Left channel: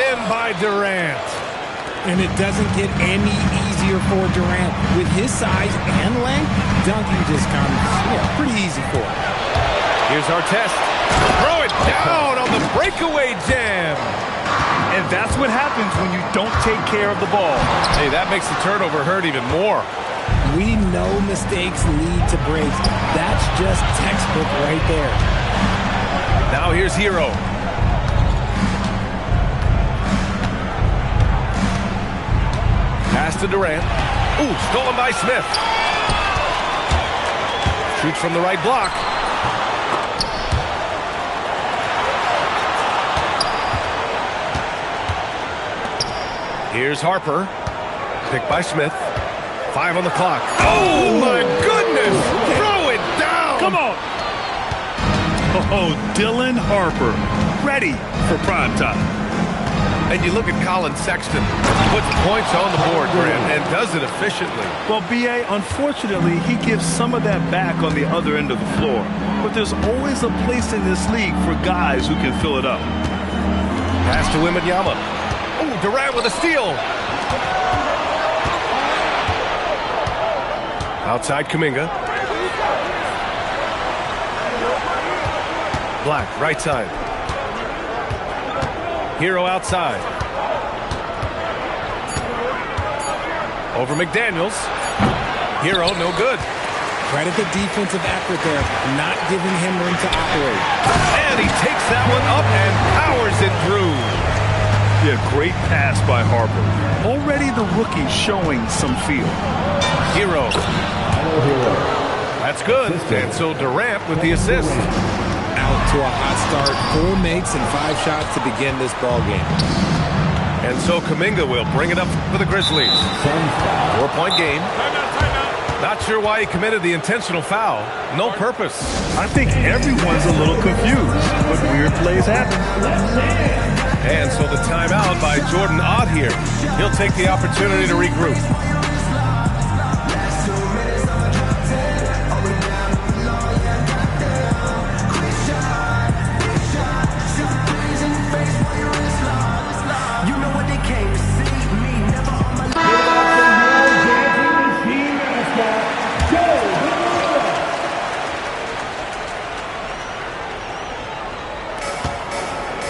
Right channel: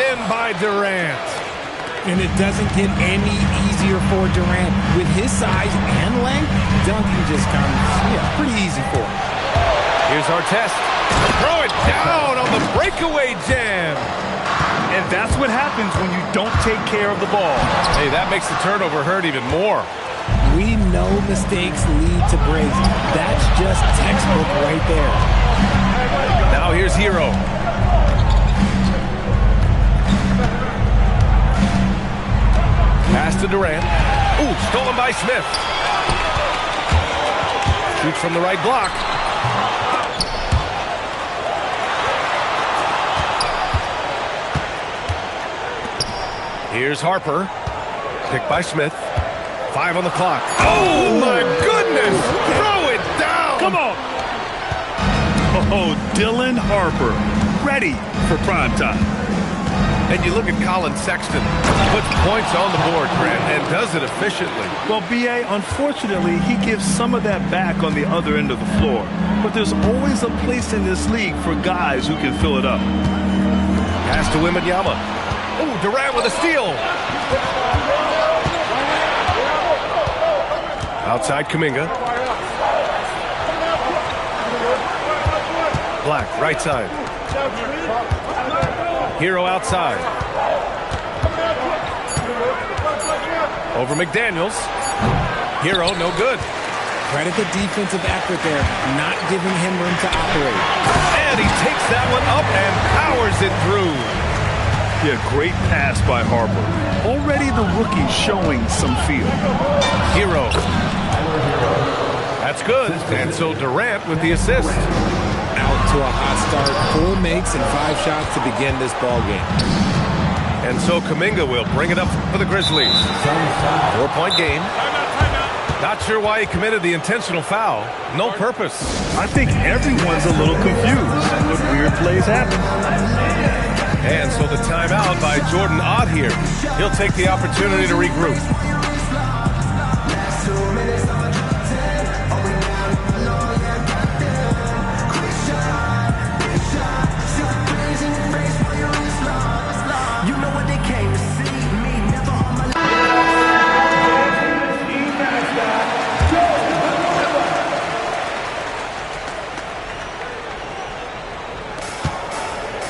in by Durant. And it doesn't get any easier for Durant. With his size and length, dunking just comes pretty easy for him. Here's Artest. Throw it down on the breakaway jam. And that's what happens when you don't take care of the ball. Hey, that makes the turnover hurt even more. We know mistakes lead to breaks. That's just textbook right there. Now here's Hero. Pass to Durant. Ooh, stolen by Smith. Shoots from the right block. Here's Harper. Picked by Smith. 5 on the clock. Oh, my goodness! Throw it down! Come on! Oh, Dylan Harper. Ready for prime time. And you look at Colin Sexton. Puts points on the board, Grant, and does it efficiently. Well, B.A., unfortunately, he gives some of that back on the other end of the floor. But there's always a place in this league for guys who can fill it up. Pass to Wembanyama. Oh, Durant with a steal. Outside Kuminga. Black, right side. Hero outside. Over McDaniels. Hero, no good. Credit the defensive effort there, not giving him room to operate. And he takes that one up and powers it through. Yeah, great pass by Harper. Already the rookie showing some feel. Hero. That's good. And so Durant with the assist. Out to a hot start. 4 makes and 5 shots to begin this ball game. And so Kuminga will bring it up for the Grizzlies. 4-point game. Timeout. Not sure why he committed the intentional foul. No purpose. I think everyone's a little confused, but weird plays happen. And so the timeout by Jordan Ott here. He'll take the opportunity to regroup.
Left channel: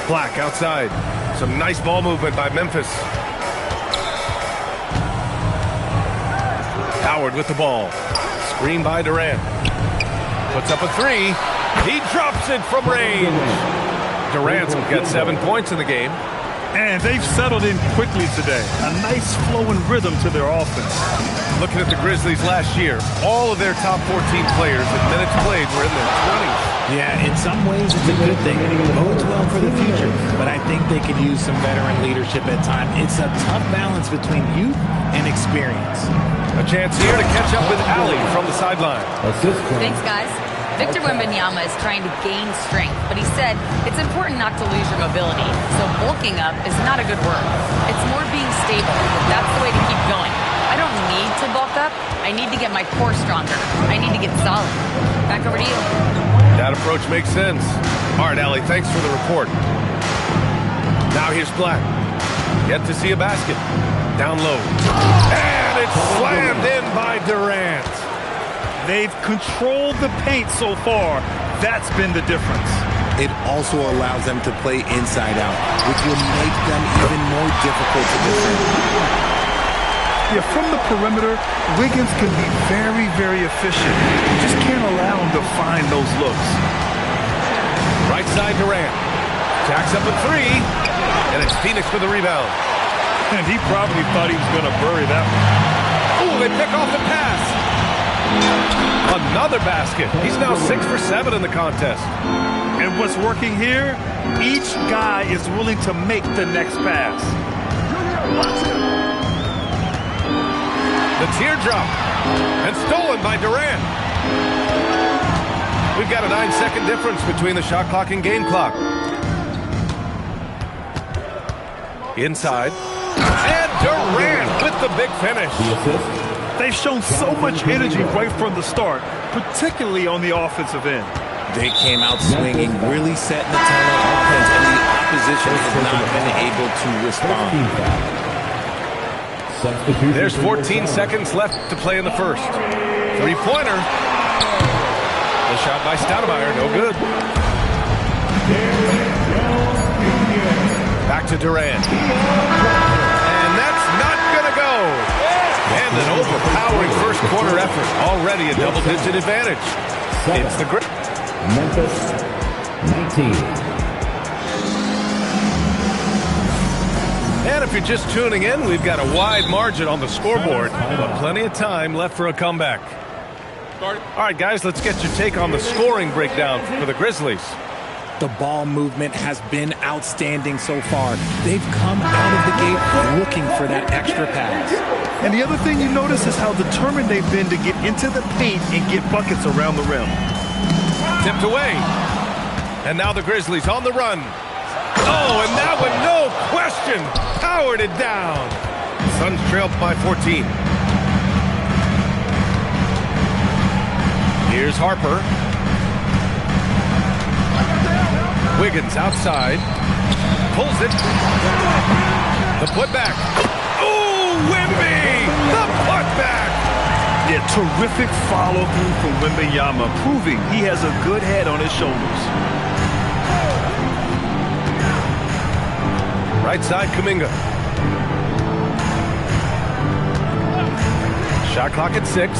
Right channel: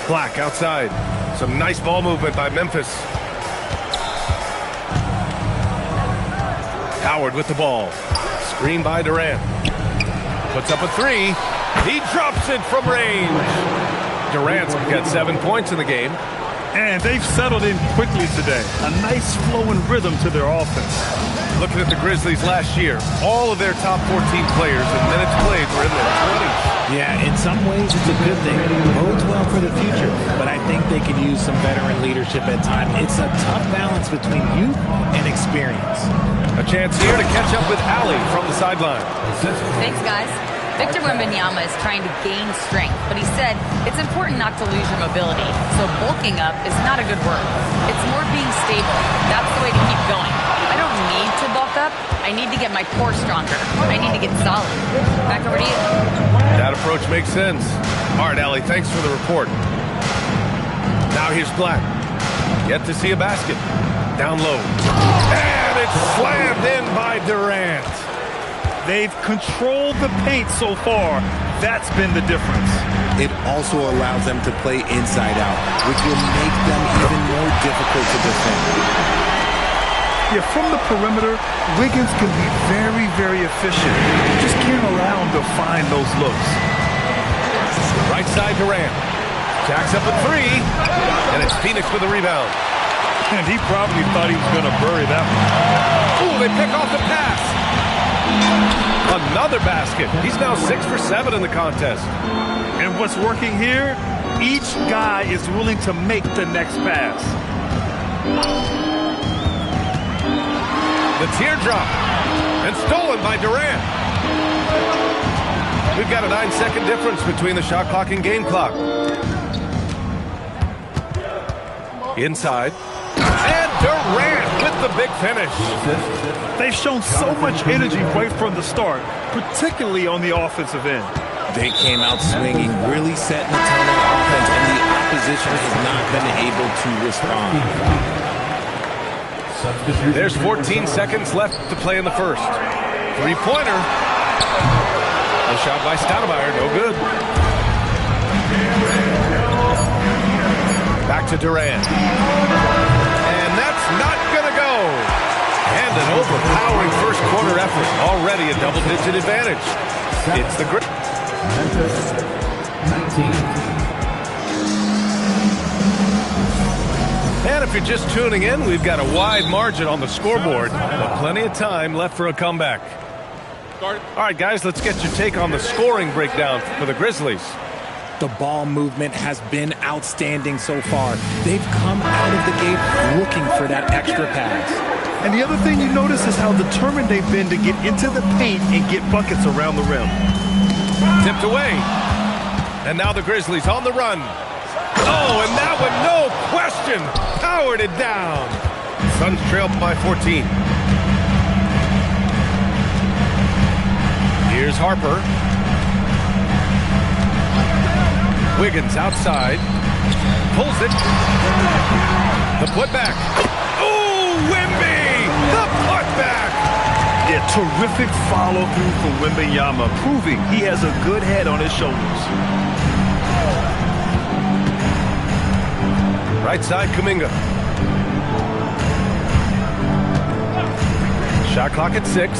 Black outside. Some nice ball movement by Memphis. Howard with the ball. Screen by Durant. Puts up a 3. He drops it from range. Durant's got 7 points in the game. And they've settled in quickly today. A nice flow and rhythm to their offense. Looking at the Grizzlies last year, all of their top 14 players in minutes played were in their 20s. Yeah, in some ways it's a good thing. Bodes well for the future, but I think they could use some veteran leadership at times. It's a tough balance between youth and experience. A chance here to catch up with Allie from the sideline. Thanks, guys. Victor Wembanyama is trying to gain strength, but he said it's important not to lose your mobility. So bulking up is not a good word. It's more being stable. That's the way to keep going. I don't need to bulk up. I need to get my core stronger. I need to get solid. Back over to you. That approach makes sense. All right, Allie, thanks for the report. Now here's Black. Yet to see a basket. Down low. And it's slammed in by Durant. They've controlled the paint so far. That's been the difference. It also allows them to play inside out, which will make them even more difficult to defend. Yeah, from the perimeter, Wiggins can be very, very efficient. You just can't allow him to find those looks. Right side Durant. Jacks up a 3. And it's Phoenix with the rebound. And he probably thought he was going to bury that one. Ooh, they pick off the pass. Another basket. He's now 6 for 7 in the contest. And what's working here? Each guy is willing to make the next pass. The teardrop. And stolen by Durant. We've got a 9-second difference between the shot clock and game clock. Inside. And Durant with the big finish. They've shown so much energy right from the start, particularly on the offensive end. They came out swinging, really setting the tone on offense, and the opposition has not been able to respond. There's 14 seconds left to play in the first. Three-pointer. The shot by Stoudemire, no good. Back to Durant. And that's not going to go. And an overpowering first quarter effort. Already a double-digit advantage. It's the Grizzlies. Memphis, 19. And if you're just tuning in, we've got a wide margin on the scoreboard, but plenty of time left for a comeback. All right, guys, let's get your take on the scoring breakdown for the Grizzlies. The ball movement has been outstanding so far. They've come out of the gate looking for that extra pass. And the other thing you notice is how determined they've been to get into the paint and get buckets around the rim. Tipped away. And now the Grizzlies on the run. Oh, and that one, no question, powered it down. Suns trail by 14. Here's Harper. Wiggins outside. Pulls it. The putback. Oh, Wemby! The putback! Yeah, terrific follow-through from Wembanyama, proving he has a good head on his shoulders. Right side, Kuminga. Shot clock at 6.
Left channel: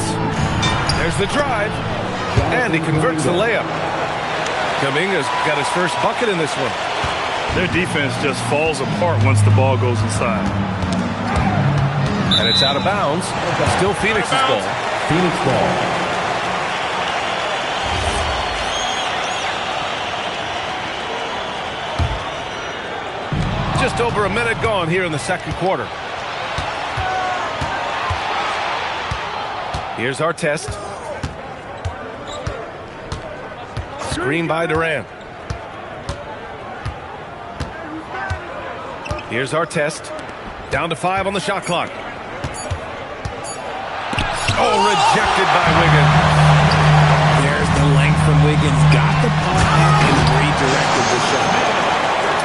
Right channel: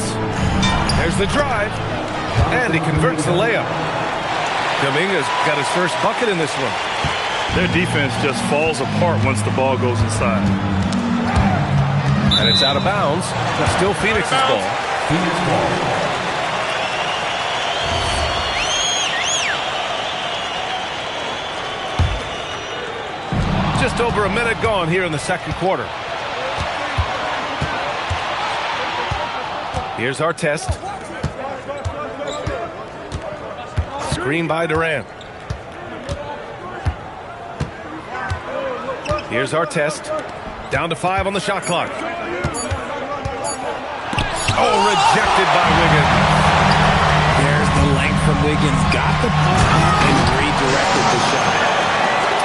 There's the drive. And he converts the layup. Kuminga's got his first bucket in this one. Their defense just falls apart once the ball goes inside. And it's out of bounds. Still Phoenix's ball. Phoenix ball. Just over a minute gone here in the second quarter. Here's Artest. Screen by Durant. Here's Artest. Down to 5 on the shot clock. Oh, rejected by Wiggins. There's the length from Wiggins. Got the puck up and redirected the shot.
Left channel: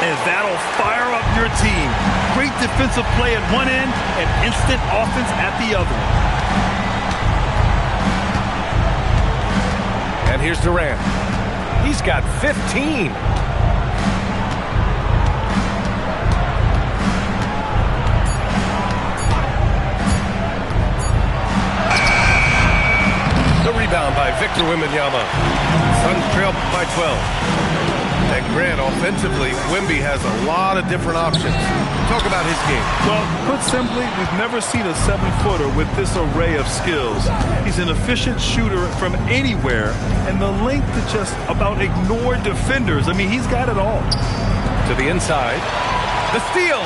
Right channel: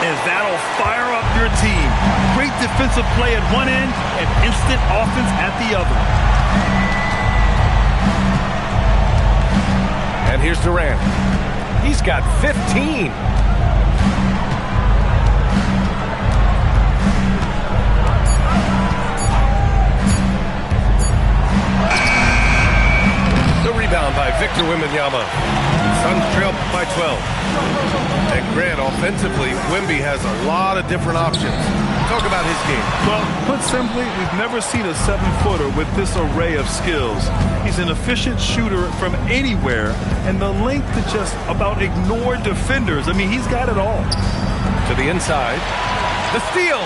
And that'll fire up your team. Great defensive play at one end and instant offense at the other. And here's Durant. He's got 15. The rebound by Victor Wembanyama. Suns trail by 12. And Grant, offensively, Wemby has a lot of different options. Talk about his game. Well, put simply, we've never seen a 7-footer with this array of skills. He's an efficient shooter from anywhere, and the length to just about ignore defenders. I mean, he's got it all. To the inside. The steal.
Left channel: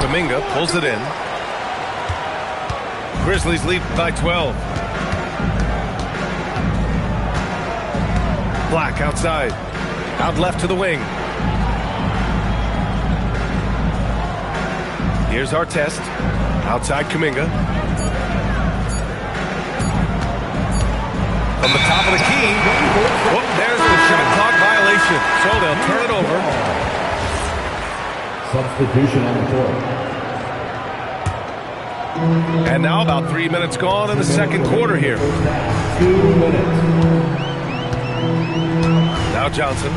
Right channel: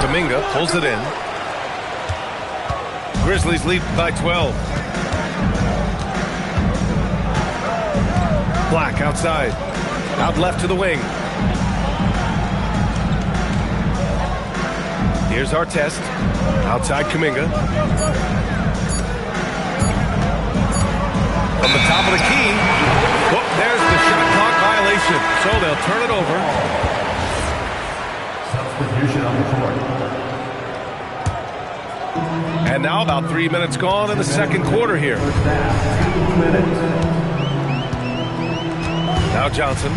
Kuminga pulls it in. Grizzlies lead by 12. Black outside. Out left to the wing. Here's Artest. Outside Kuminga. From the top of the key. Whoop, there's the shot clock violation. So they'll turn it over. Substitution on the court. And now about 3 minutes gone in the second quarter here. 2 minutes. Now Johnson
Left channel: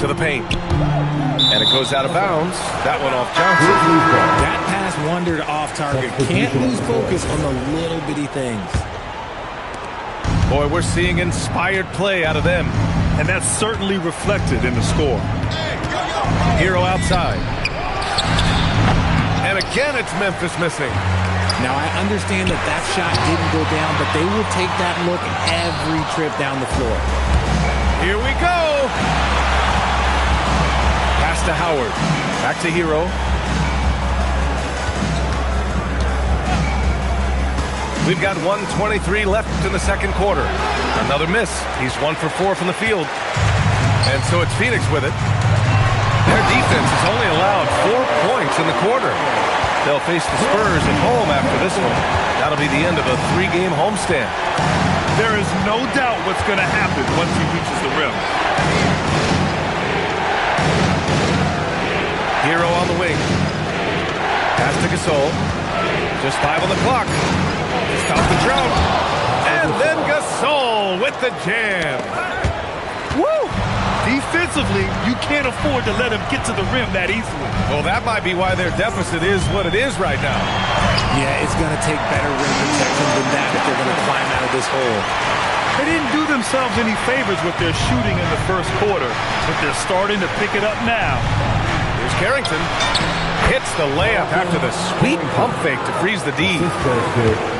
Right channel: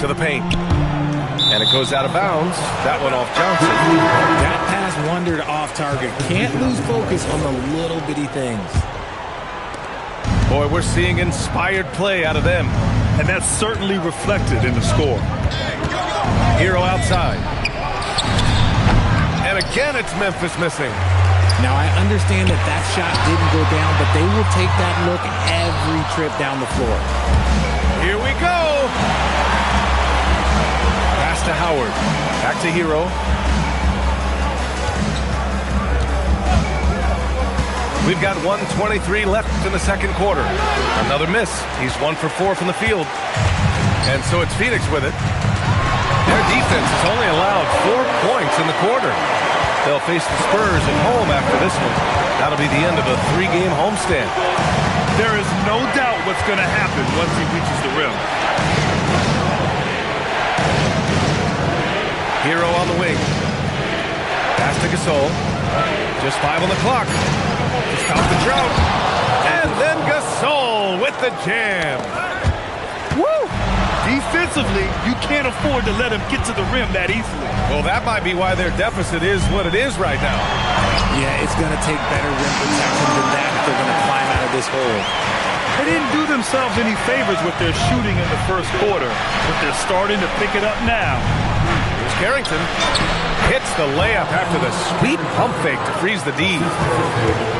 to the paint. And it goes out of bounds. That one off Johnson. That pass wandered off target. Can't lose focus on the little bitty things. Boy, we're seeing inspired play out of them. And that's certainly reflected in the score. Hero outside. And again, it's Memphis missing. Now, I understand that that shot didn't go down, but they will take that look every trip down the floor. Here we go. Pass to Howard. Back to Hero. We've got 1:23 left in the second quarter. Another miss. He's 1 for 4 from the field. And so it's Phoenix with it. Their defense has only allowed 4 points in the quarter. They'll face the Spurs at home after this one. That'll be the end of a 3-game homestand. There is no doubt what's going to happen once he reaches the rim. Hero on the wing. Pass to Gasol. Just 5 on the clock to stop the drought. And then Gasol with the jam. Woo! Defensively, you can't afford to let him get to the rim that easily. Well, that might be why their deficit is what it is right now. Yeah, it's going to take better rim protection than that if they're going to climb out of this hole. They didn't do themselves any favors with their shooting in the first quarter, but they're starting to pick it up now. Here's Carrington. Hits the layup after the sweet pump fake to freeze the D.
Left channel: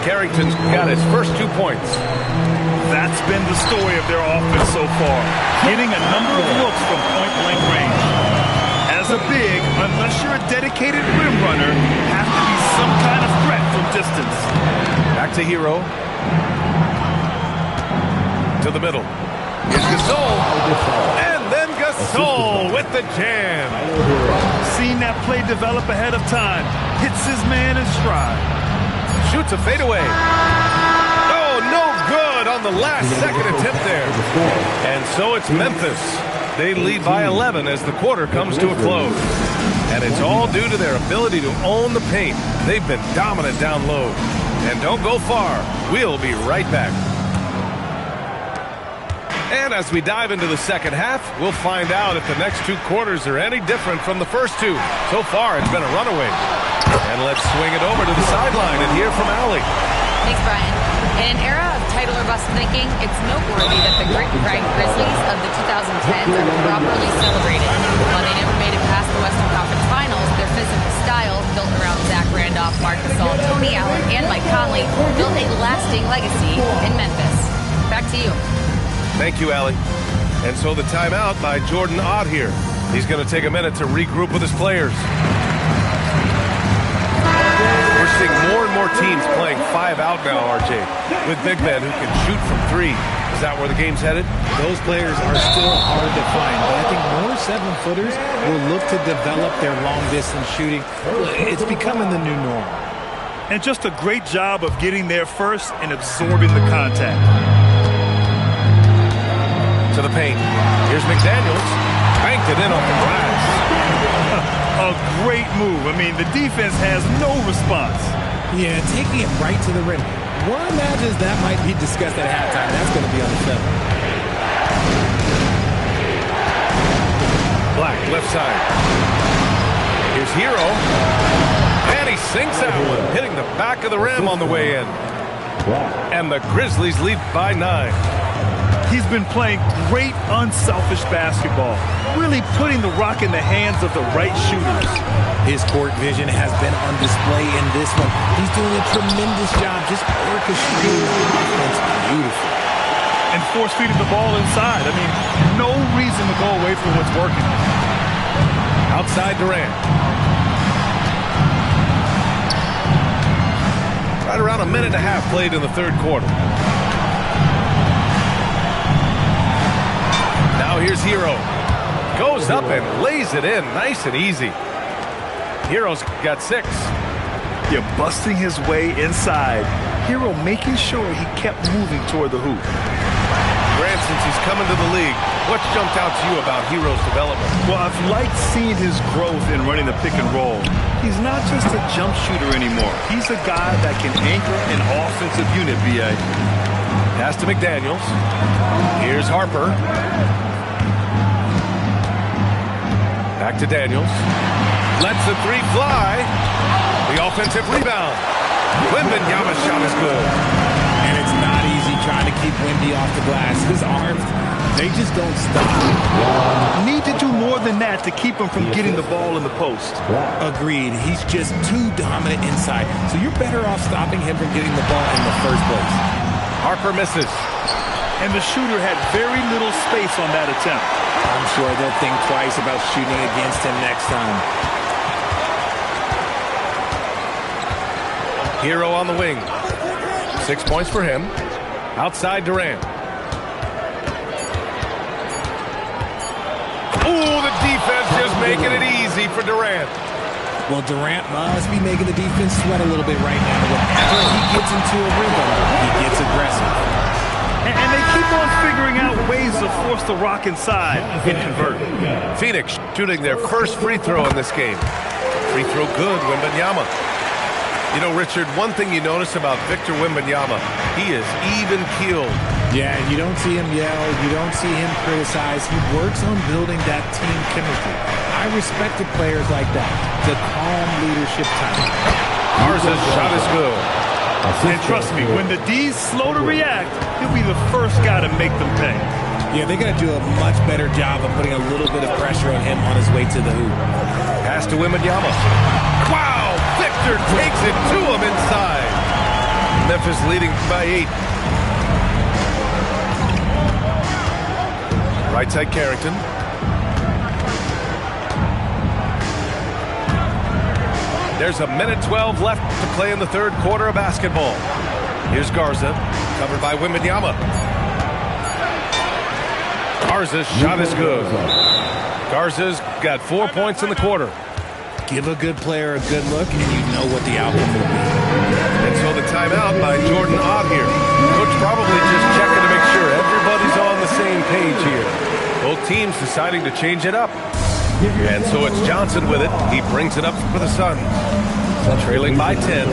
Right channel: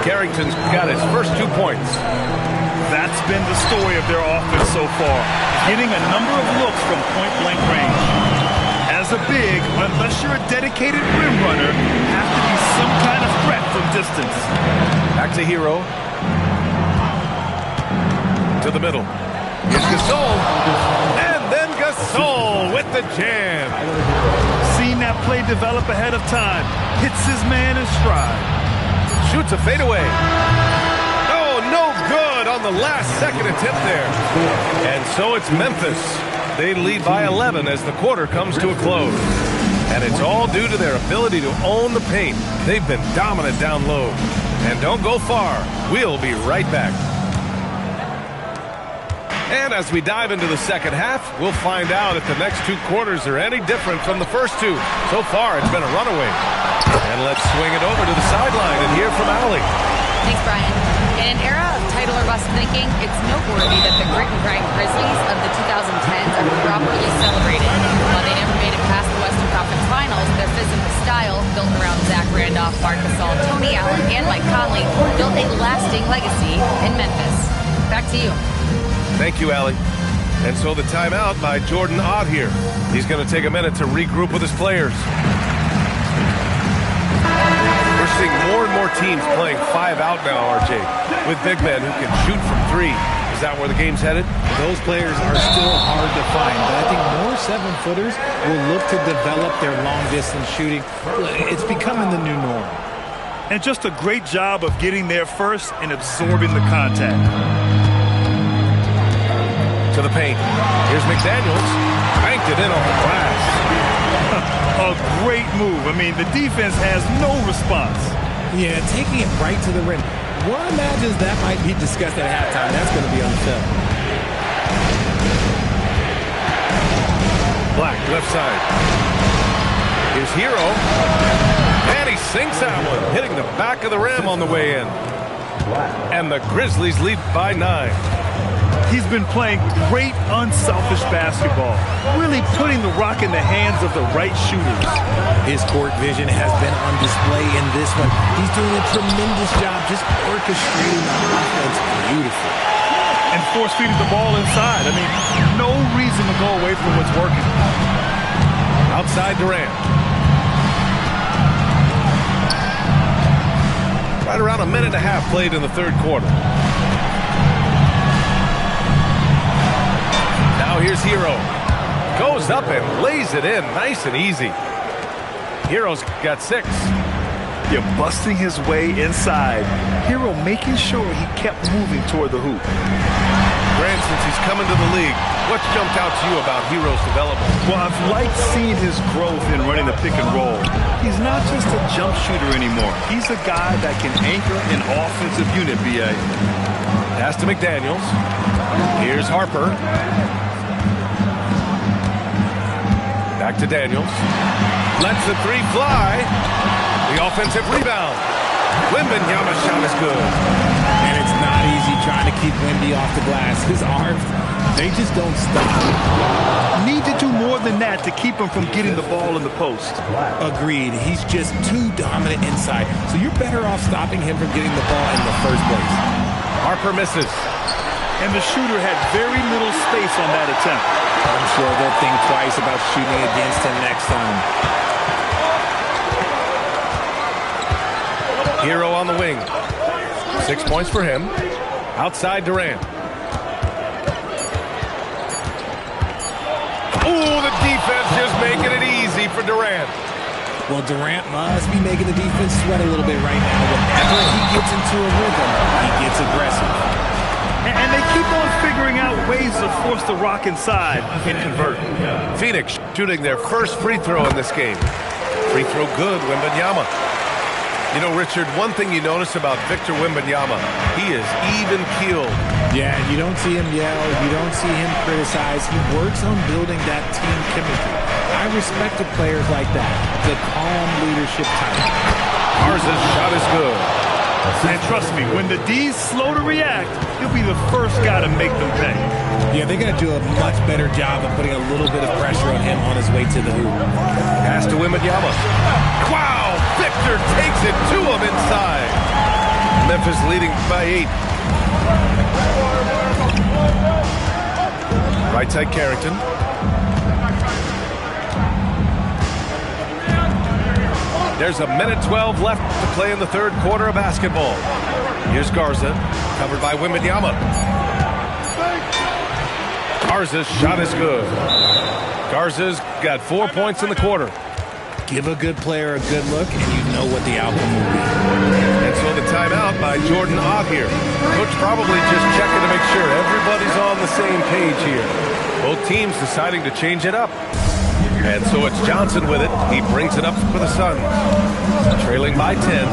Carrington's got his first 2 points. That's been the story of their offense so far, getting a number of looks from point-blank range. As a big, unless you're a dedicated rim runner, have to be some kind of threat from distance. Back to Hero. To the middle. Here's Gasol. And then Gasol with the jam. Seen that play develop ahead of time. Hits his man in stride. Shoots a fadeaway. Oh, no good on the last second attempt there. And so it's Memphis. They lead by 11 as the quarter comes to a close. And it's all due to their ability to own the paint. They've been dominant down low. And don't go far. We'll be right back. And as we dive into the second half, we'll find out if the next 2 quarters are any different from the first 2. So far, it's been a runaway. And let's swing it over to the sideline and hear from Allie. Thanks, Brian. In an era of title or bust thinking, it's noteworthy that the grit and grind Grizzlies of the 2010s are properly celebrated. While they never made it past the Western Conference Finals, their physical style, built around Zach Randolph, Marc Gasol, Tony Allen, and Mike Conley, built a lasting legacy in Memphis. Back to you. Thank you, Allie. And so the timeout by Jordan Ott here. He's going to take a minute to regroup with his players. We're seeing more and more teams playing 5 out now, RJ, with big men who can shoot from 3. Is that where the game's headed? Those players are still hard to find, but I think more 7-footers will look to develop their long-distance shooting. It's becoming the new norm. And just a great job of getting there first and absorbing the contact. To the paint. Here's McDaniels. Banked it in off the glass. A great move. I mean, the defense has no response. Yeah, taking it right to the rim. One imagines that might be discussed at halftime. That's going to be on the film. Black, left side. Here's Hero. And he sinks that one, hitting the back of the rim on the way in. And the Grizzlies lead by 9. He's been playing great, unselfish basketball, really putting the rock in the hands of the right shooters. His court vision has been on display in this one. He's doing a tremendous job just orchestrating the offense beautifully. And force-feeding the ball inside. I mean, no reason to go away from what's working. Outside Durant. Right around a minute and a half played in the third quarter. Now here's Hero. Goes up and lays it in nice and easy. Hero's got 6. You're busting his way inside. Hero making sure he kept moving toward the hoop. Grant, since he's coming to the league, what's jumped out to you about Hero's development? Well, I've liked seeing his growth in running the pick and roll. He's not just a jump shooter anymore. He's a guy that can anchor an offensive unit, B.A. Pass to McDaniels. Here's Harper. Back to Daniels. Lets the 3 fly. The offensive rebound. Wembanyama's shot is good. And it's not easy trying to keep Wemby off the glass. His arms, they just don't stop. Need to do more than that to keep him from getting the ball in the post. Agreed. He's just too dominant inside. So you're better off stopping him from getting the ball in the first place. Harper misses. And the shooter had very little space on that attempt. I'm sure they'll think twice about shooting against him next time. Hero on the wing. 6 points for him. Outside Durant. Ooh, the defense just making it easy for Durant. Well, Durant must be making the defense sweat a little bit right now. Whenever he gets into a rhythm, he gets aggressive. And they keep on figuring out ways to force the rock inside and convert. Phoenix shooting their first free throw in this game. Free throw good, Wembanyama. You know, Richard, one thing you notice about Victor Wembanyama, he is even-keeled. Yeah, you don't see him yell. You don't see him criticize. He works on building that team chemistry. I respected players like that, the calm leadership type. Garza's shot is good. And trust me, when the D's slow to react, he'll be the first guy to make them pay. Yeah, they got to do a much better job of putting a little bit of pressure on him on his way to the hoop. Pass to Wembanyama. Wow! Victor takes it to him inside. Memphis leading by 8. Right side Carrington. There's a minute 12 left to play in the third quarter of basketball. Here's Garza, covered by Wembanyama. Garza's shot is good. Garza's got 4 points in the quarter. Give a good player a good look, and you know what the outcome will be. And so the timeout by Jordan Ott here. Coach probably just checking to make sure everybody's on the same page here. Both teams deciding to change it up. And so it's Johnson with it. He brings it up for the Suns. Trailing by 10.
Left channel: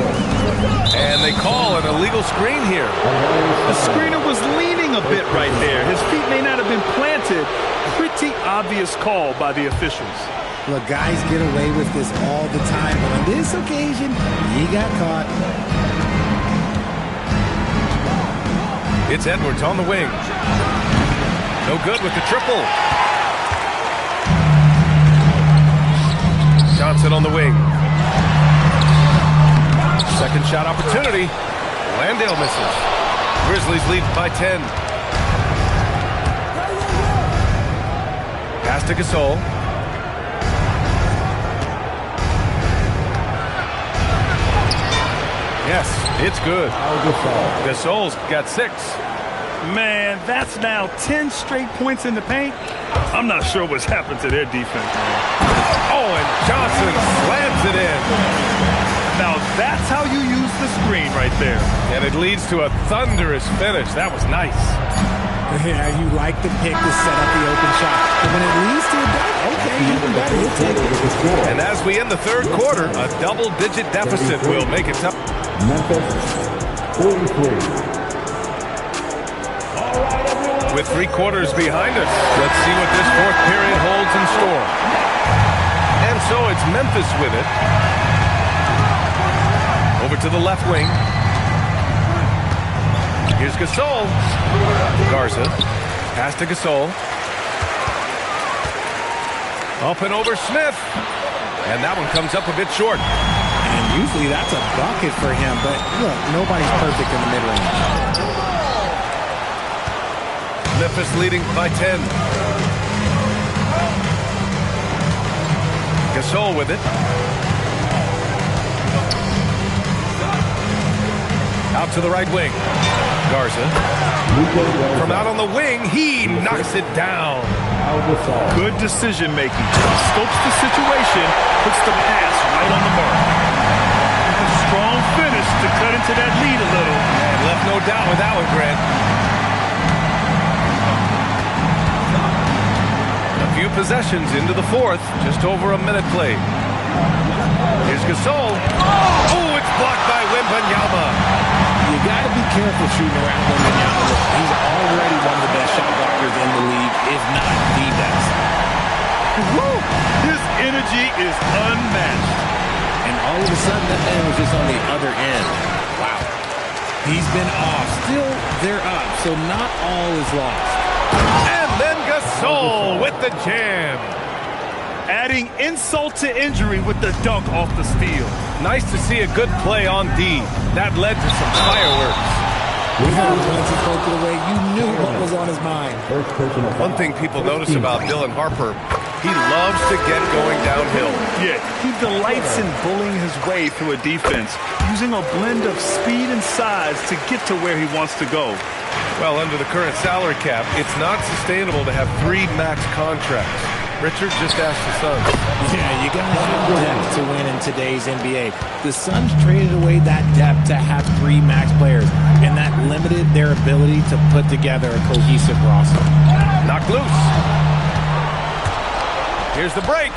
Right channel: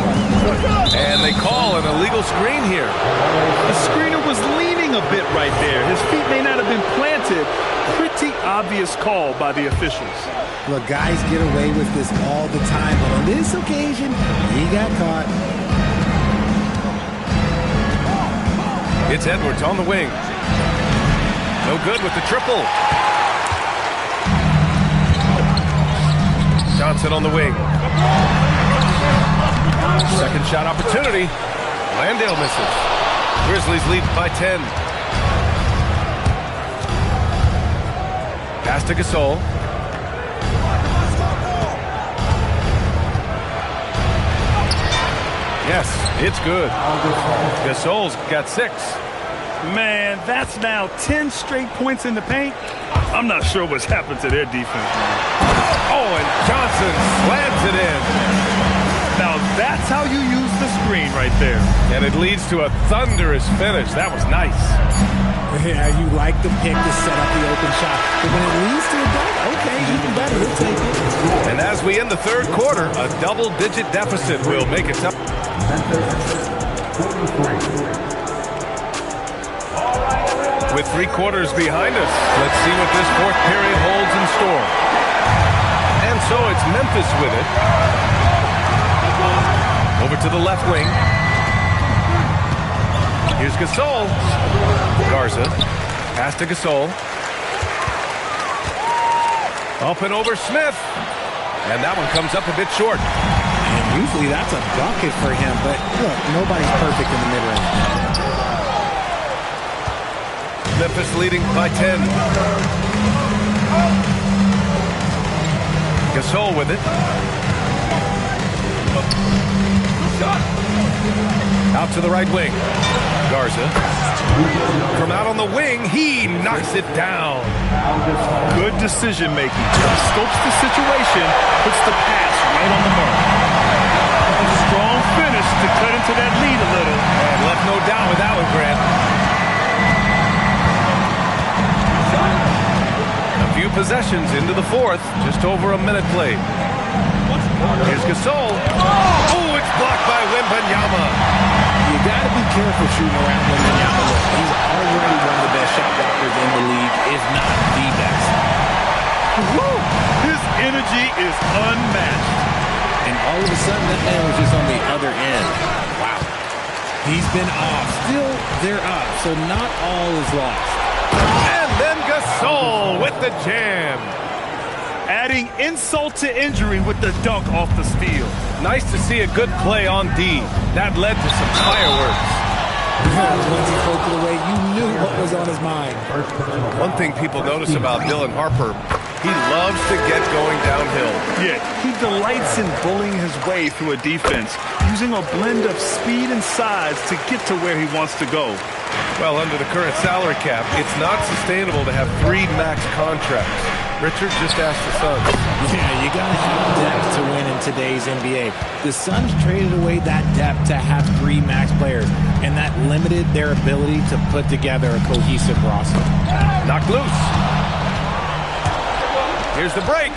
And they call an illegal screen here. The screener was leaning a bit right there. His feet may not have been planted. Pretty obvious call by the officials. Look, guys get away with this all the time, but on this occasion, he got caught. It's Edwards on the wing. No good with the triple. Johnson on the wing. Second shot opportunity. Landale misses. Grizzlies lead by 10. Pass to Gasol. Yes, it's good. Gasol's got 6. Man, that's now 10 straight points in the paint. I'm not sure what's happened to their defense, man. Oh, and Johnson slams it in. Now that's how you use the screen right there. And it leads to a thunderous finish. That was nice. Yeah, you like the pick to set up the open shot. But when it leads to a dunk, okay, even better. You'll take it. And as we end the third quarter, a double-digit deficit will make it tough. Memphis 43. With 3 quarters behind us, let's see what this fourth period holds in store. And so it's Memphis with it. Over to the left wing. Here's Gasol. Garza. Pass to Gasol. Up and over Smith. And that one comes up a bit short. And usually that's a bucket for him, but look, nobody's perfect in the mid-range. Memphis leading by 10. Gasol with it. Out to the right wing. Garza. From out on the wing, he knocks it down. Good decision making. Scopes the situation, puts the pass right on the mark. A strong finish to cut into that lead a little. And left no doubt with that one, Grant. A few possessions into the fourth, just over a minute played. Here's Gasol. Oh, it's blocked by Wembanyama. You got to be careful shooting around Wembanyama. Look, he's already one of the best shot blockers in the league, if not the best. Woo! His energy is unmatched. And all of a sudden, that man was just on the other end. Wow. He's been off. Still, they're up, so not all is lost. And then Gasol with the jam. Adding insult to injury with the dunk off the steal. Nice to see a good play on D. That led to some fireworks. Once he poked it away, you knew what was on his mind. First personal foul. One thing people notice about Dylan Harper, he loves to get going downhill. Yeah, he delights in bullying his way through a defense, using a blend of speed and size to get to where he wants to go. Well, under the current salary cap, it's not sustainable to have 3 max contracts. Richard just asked the Suns. Yeah, you got to have depth to win in today's NBA. The Suns traded away that depth to have 3 max players, and that limited their ability to put together a cohesive roster. Knocked loose. Here's the break.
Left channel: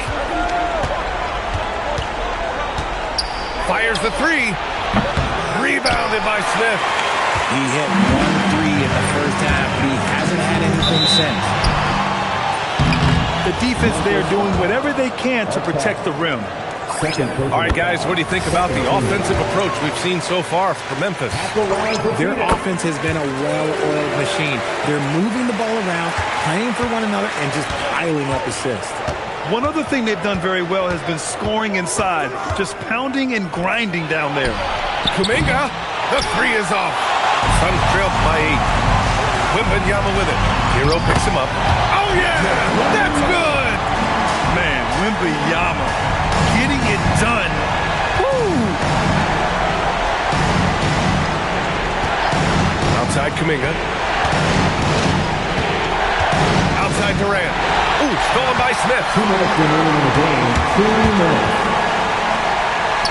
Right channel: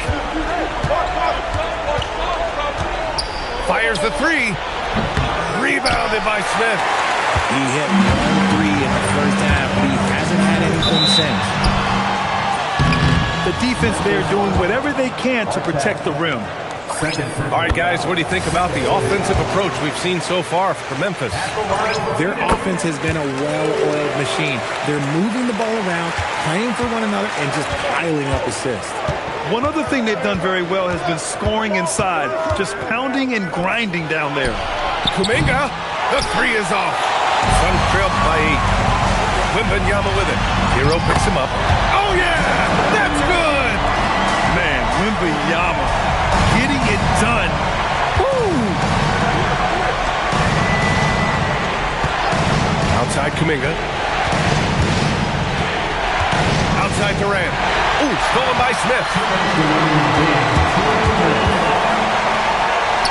Fires the three. Rebounded by Smith. He hit 1 3 in the first half, but he hasn't had anything since. The defense there doing whatever they can to protect the rim. All right, guys, what do you think about the offensive approach we've seen so far from Memphis? Their offense has been a well-oiled machine. They're moving the ball around, playing for one another, and just piling up assists. One other thing they've done very well has been scoring inside, just pounding and grinding down there. Kuminga, the three is off. Suns trailed by 8. Wembanyama with it. Hero picks him up. Oh, yeah! That's good! Man, Wembanyama getting it done. Woo! Outside Kuminga. Outside Durant. Ooh, stolen by Smith. 2 minutes remaining in the game. 2 minutes.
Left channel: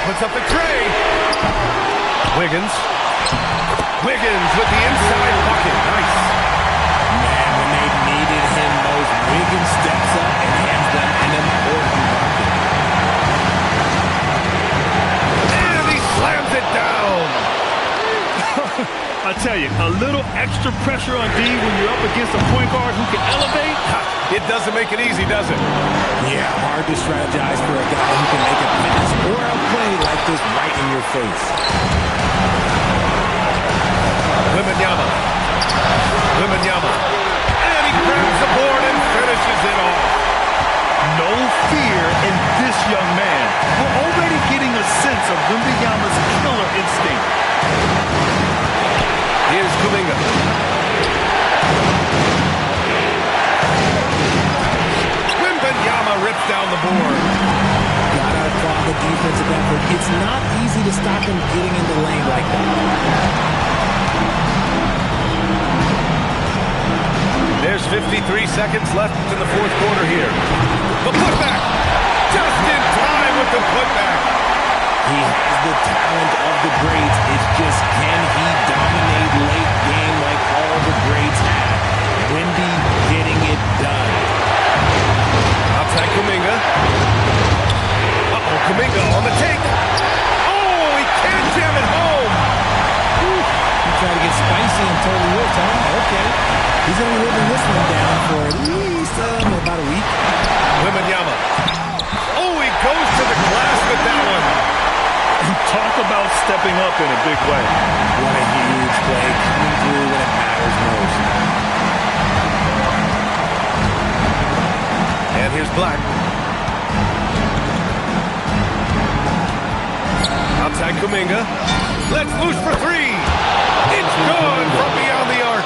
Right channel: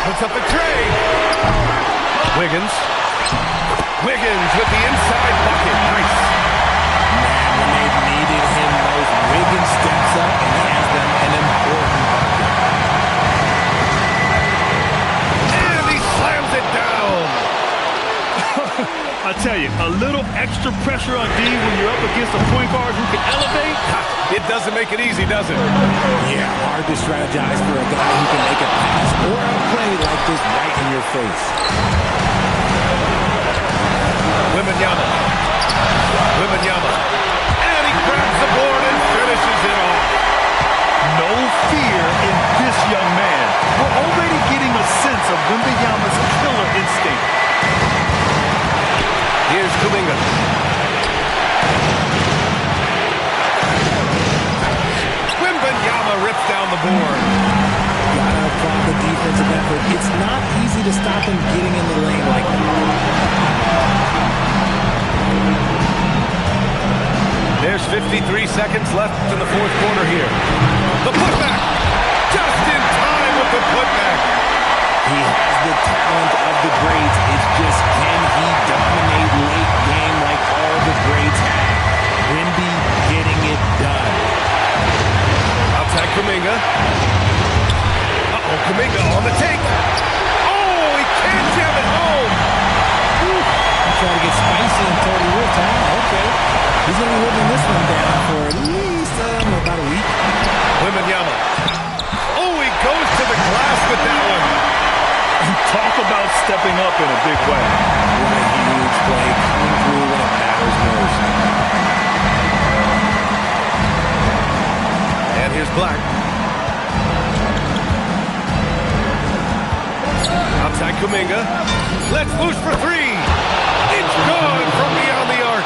Puts up the tray. Wiggins. Wiggins with the inside bucket. Nice. Man, when they needed him most, Wiggins steps up and hands them an important bucket. And he slams it down. I tell you, a little extra pressure on D when you're up against a point guard who can elevate. It doesn't make it easy, does it? Yeah, hard to strategize for a guy who can make a pass or a play like this right in your face. Wembanyama. Wembanyama. And he grabs the board and finishes it off. No fear in this young man. We're already getting a sense of Wembanyama's killer instinct. Here's Kuminga. Wembanyama rips down the board. Gotta applaud the defensive effort. It's not easy to stop him getting in the lane like that. There's 53 seconds left in the fourth quarter here. The putback! Just in time with the putback. He has the talent of the greats. It's just, can he dominate late game like all the greats have? Wemby getting it done. Outside Kuminga. Uh-oh, Kuminga on the take. Oh, he can't jam it home. Whew. He tried to get spicy and totally whipped, huh? Okay. He's going to be living this one down for at least about a week. Wembanyama. Oh, he goes to the glass with that one. And talk about stepping up in a big way. What a huge play, coming through when it matters most. And here's Black. Outside Kuminga. Let's loose for three. It's good from beyond the arc.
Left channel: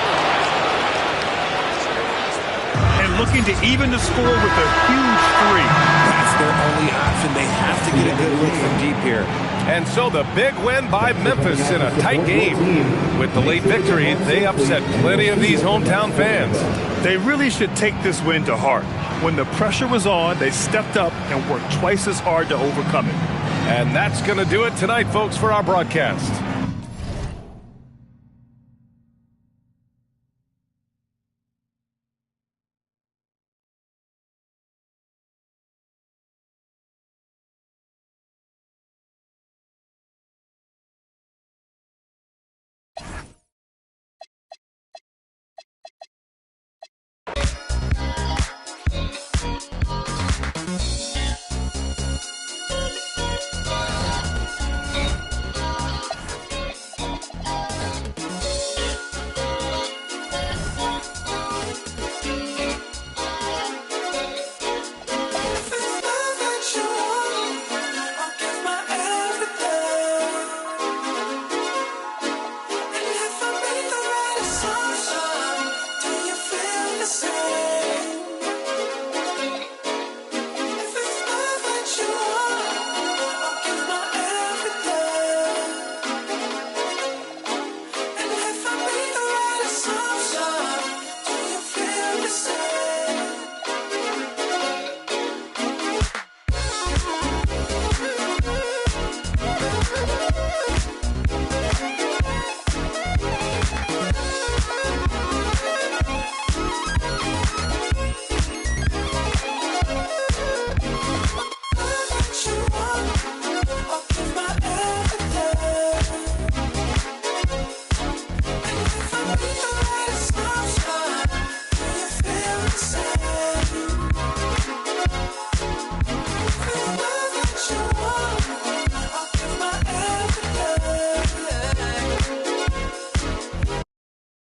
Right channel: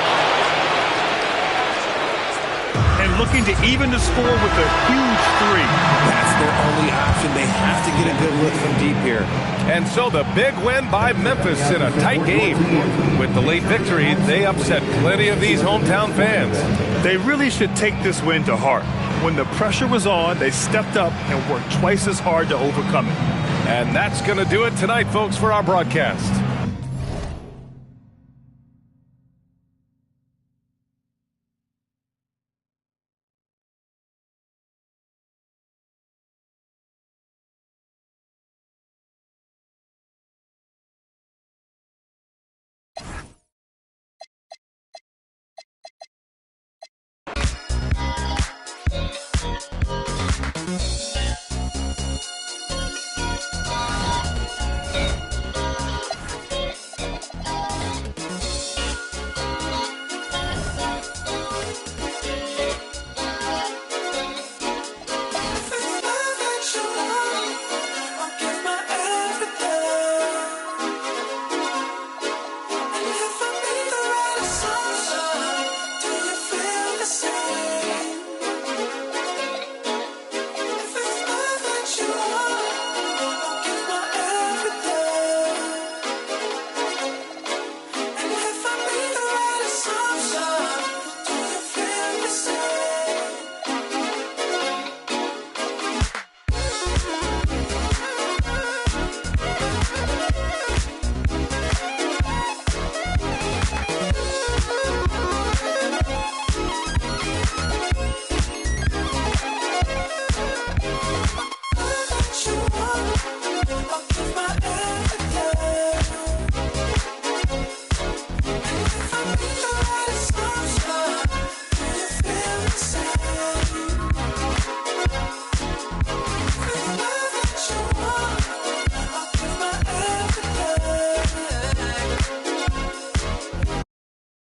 And looking to even the score with a huge three. That's their only option. They have to get a good look from deep here. And so the big win by Memphis in a tight game. With the late victory, they upset plenty of these hometown fans. They really should take this win to heart. When the pressure was on, they stepped up and worked twice as hard to overcome it. And that's going to do it tonight, folks, for our broadcast.